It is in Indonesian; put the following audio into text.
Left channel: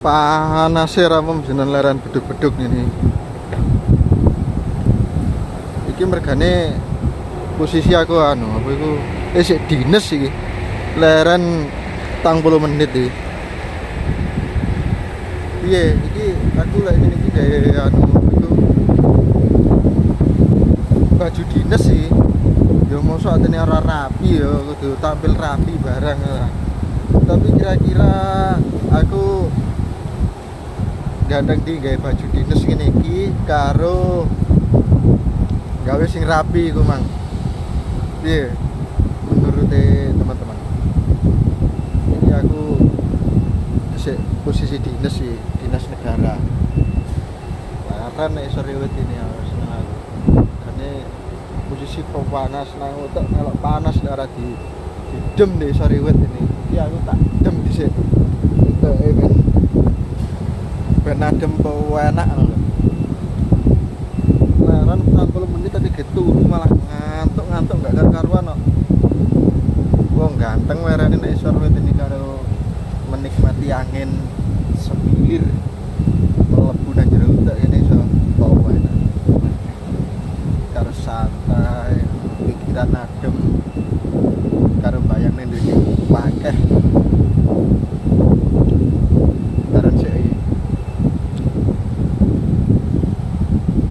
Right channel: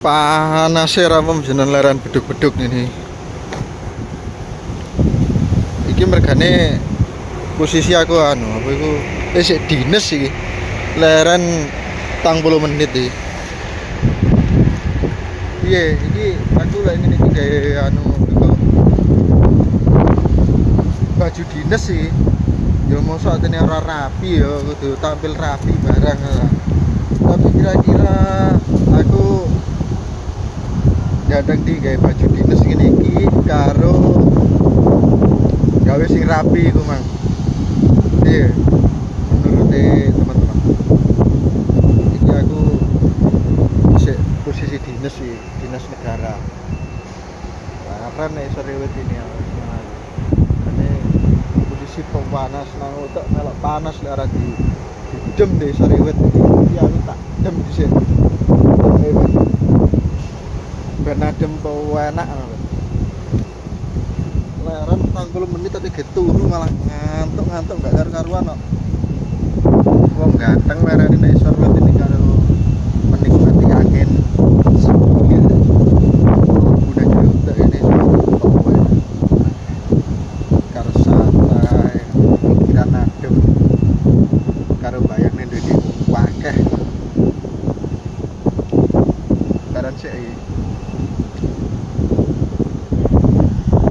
Panas ramem jeneng leren beduk-beduk ini. Iki mergane posisi aku apa iku sik dines iki. Leren 40 menit iki. Piye iki aku lek ngene iki gawe iku baju dinas sih. Ya mosok atene ora rapi ya kudu tampil rapi barang. Tapi kira-kira aku datang di gawe baju dinas ngene iki karo gawe sing rapi iku mang. Iya. Menurut teman-teman. Iki aku posisi dinas sih, dinas negara. Karena nek sore wit ini harus seneng. Karena posisi panas nang utek melok panas lek ora dem deh sore wit ini. Iki aku tak dem dhisik. Utek ben adem po enak ngono lho. Leren 40 menit tapi turu malah ngantuk gak karu-karuan kok. Wong ganteng lerene nek sore wit ini karo menikmati angin